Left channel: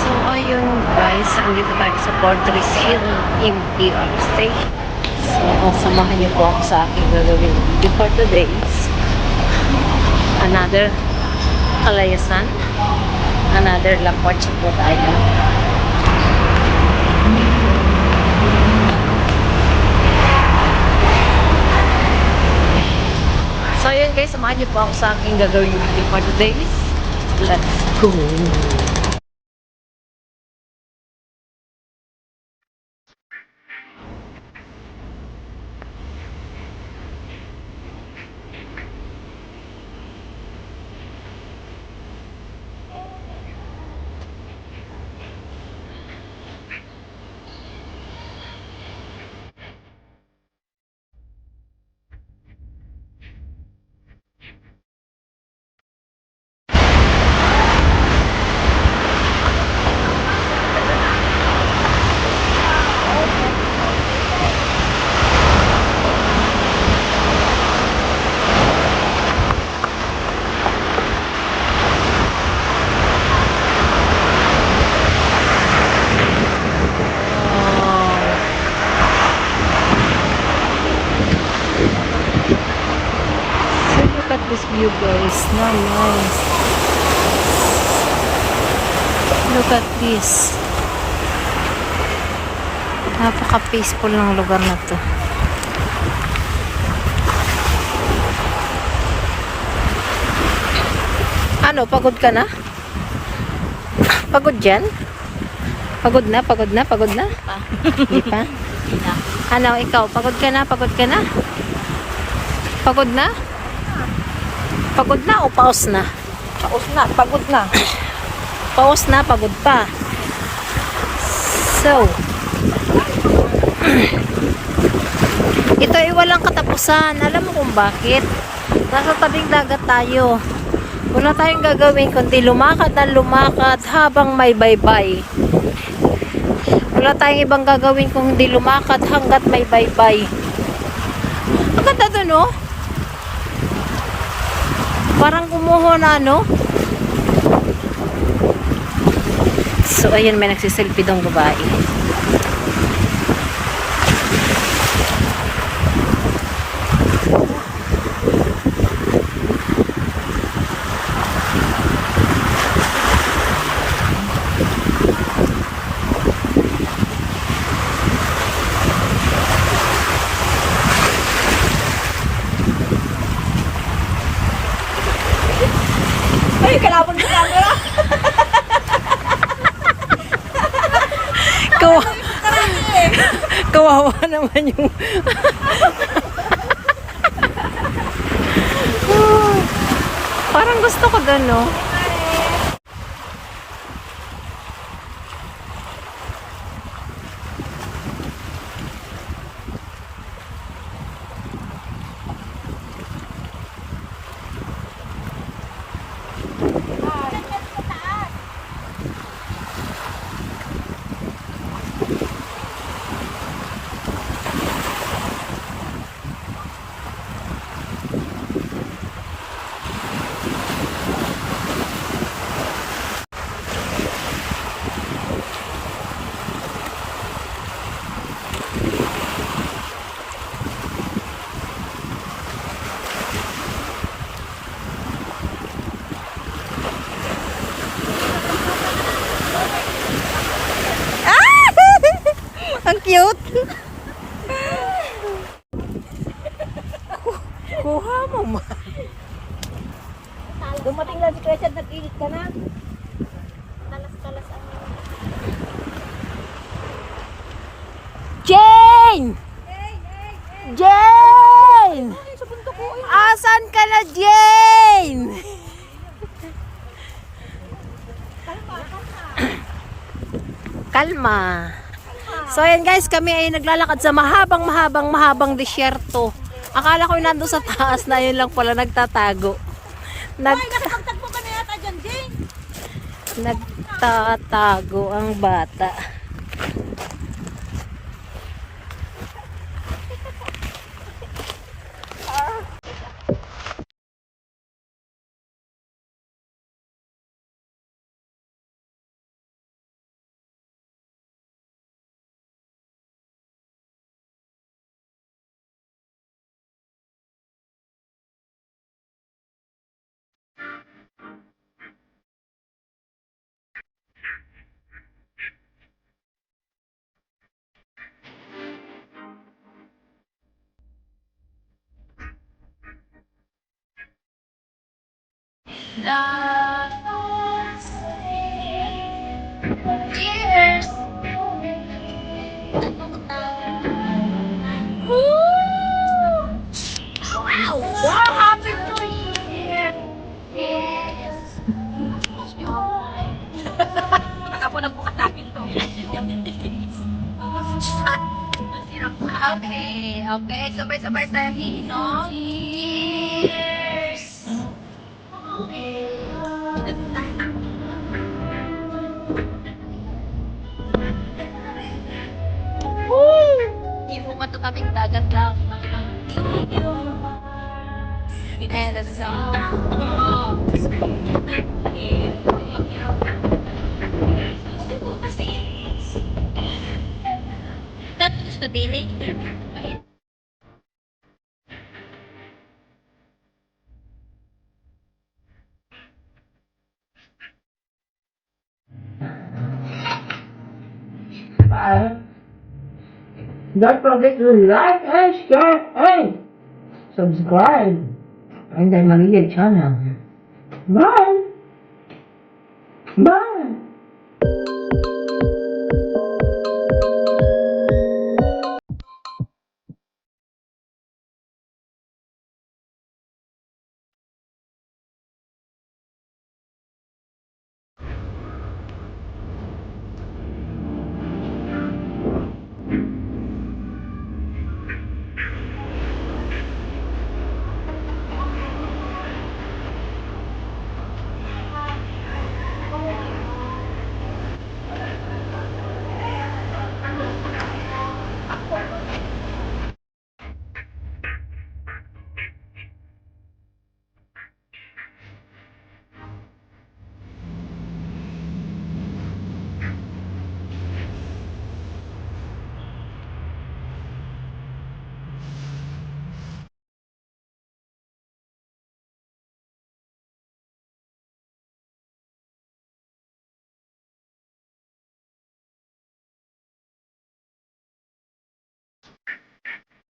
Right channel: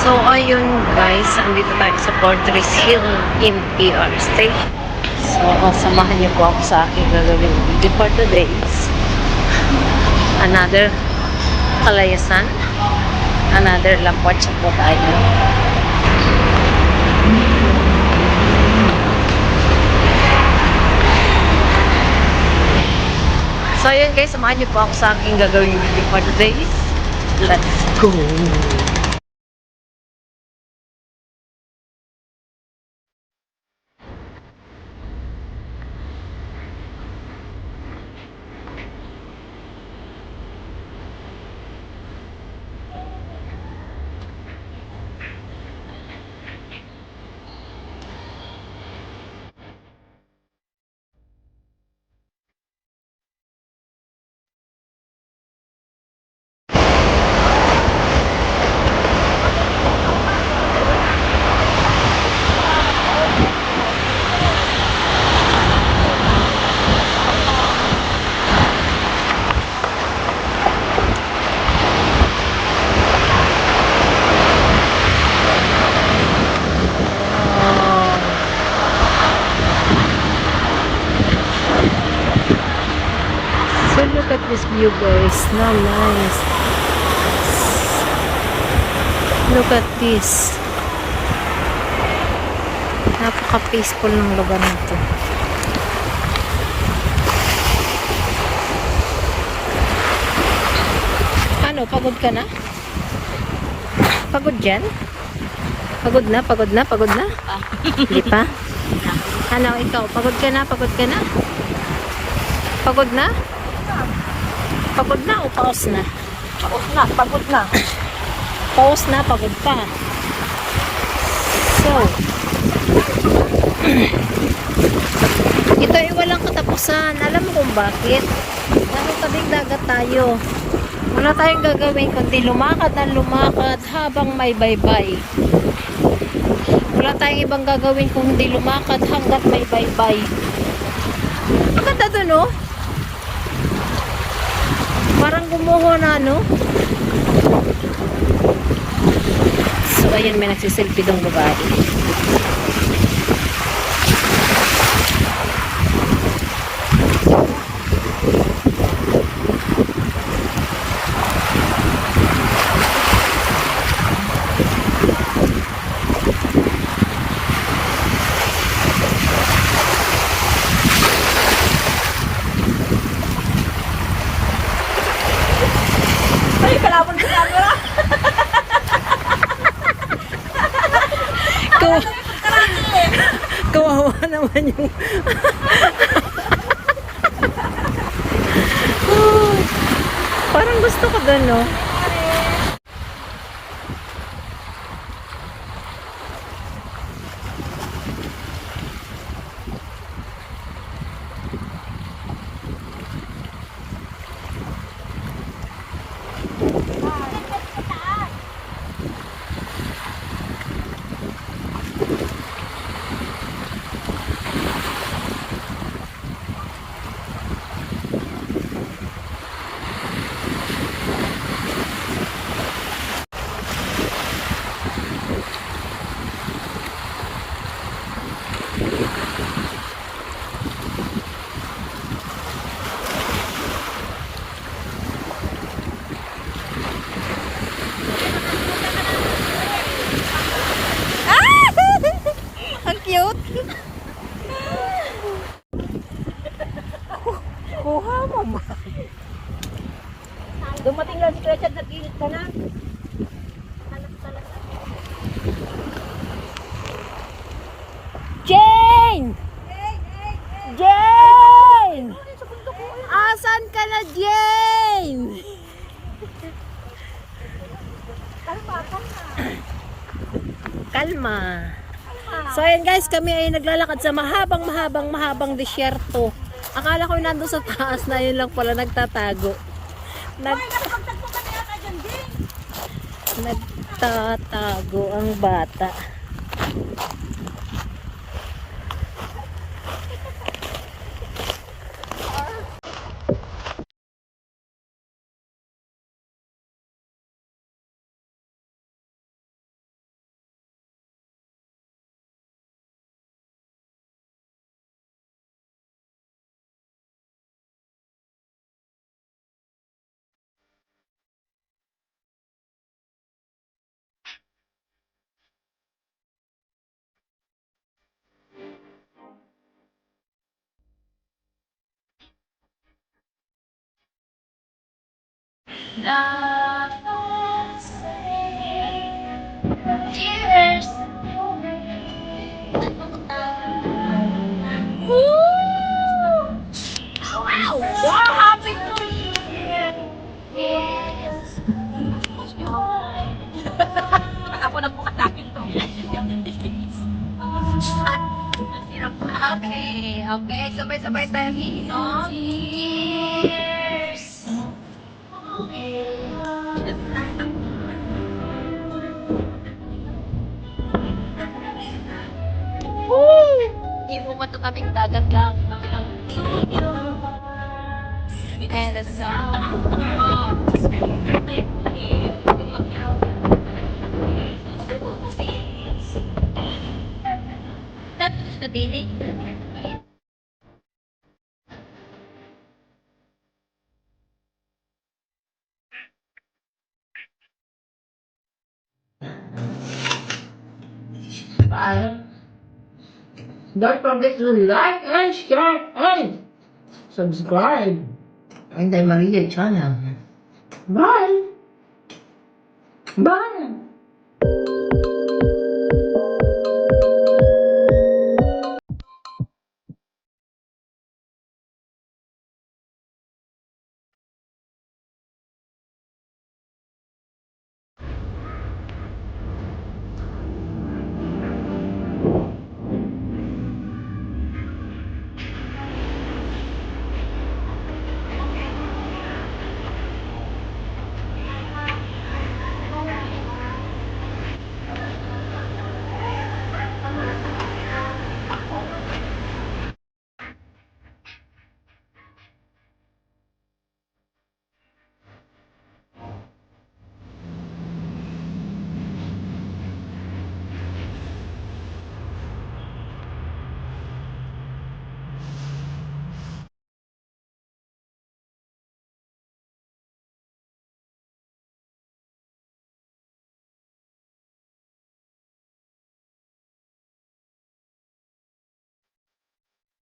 So, ayun guys, andito tayo sa Fortress Hill MTR Station. So, samahan niyo po ako sa aking gagawin before today's another Kalayasan, another Lakwatsa po tayo. So, ayun guys, samahan niyo po ako sa aking gagawin before today's. Let's go! So look at this view guys, na nice. Look at this. Napaka-peaceful ng lugar na to. Ano, pagod ka na? Pagod dyan? Pagod na, pagod na, pagod na? Hindi pa? Ano, ikaw, pagod ka na, pagod ka na? Pagod na? Pagod na o paus na? Paus na, pagod na. Paus na, pagod pa. So, ito ay walang katapusan. Alam mo kung bakit? Nasa tabing dagat tayo. Wala tayong gagawin kundi lumakad na lumakad habang may baybay. Wala tayong ibang gagawin kung hindi lumakad hanggat may baybay. Ang ganda dun, oh. Parang gumuho na, no? So, ayun, may nagsiselfie dong babae. Ay, kalapon na lang. Kawawa naman yung parang gusto ko doon, no? Ang cute. Kuha mo, ma. Dumating na si Gretchen, nag-iit ka na. Talas-talas. Jane! Jane! Asan ka na, Jane? Kalma. So ayan guys, kami ay naglalakad sa mahabang disyerto. Akala ko nando sa taas na, yun lang pala nagtatago. Nagtatago ang bata. Cheers! Wow! Wow! Happy New Year! Yes! Ako na po atake ito. Okay, okay. Sabay-sabay tayo inom. Cheers! Woo! Hindi mo matukaming dagat lang. And the song. Tapos na din Don't forget to like and share and subscribe. And then Maria channel. Bye. Bye.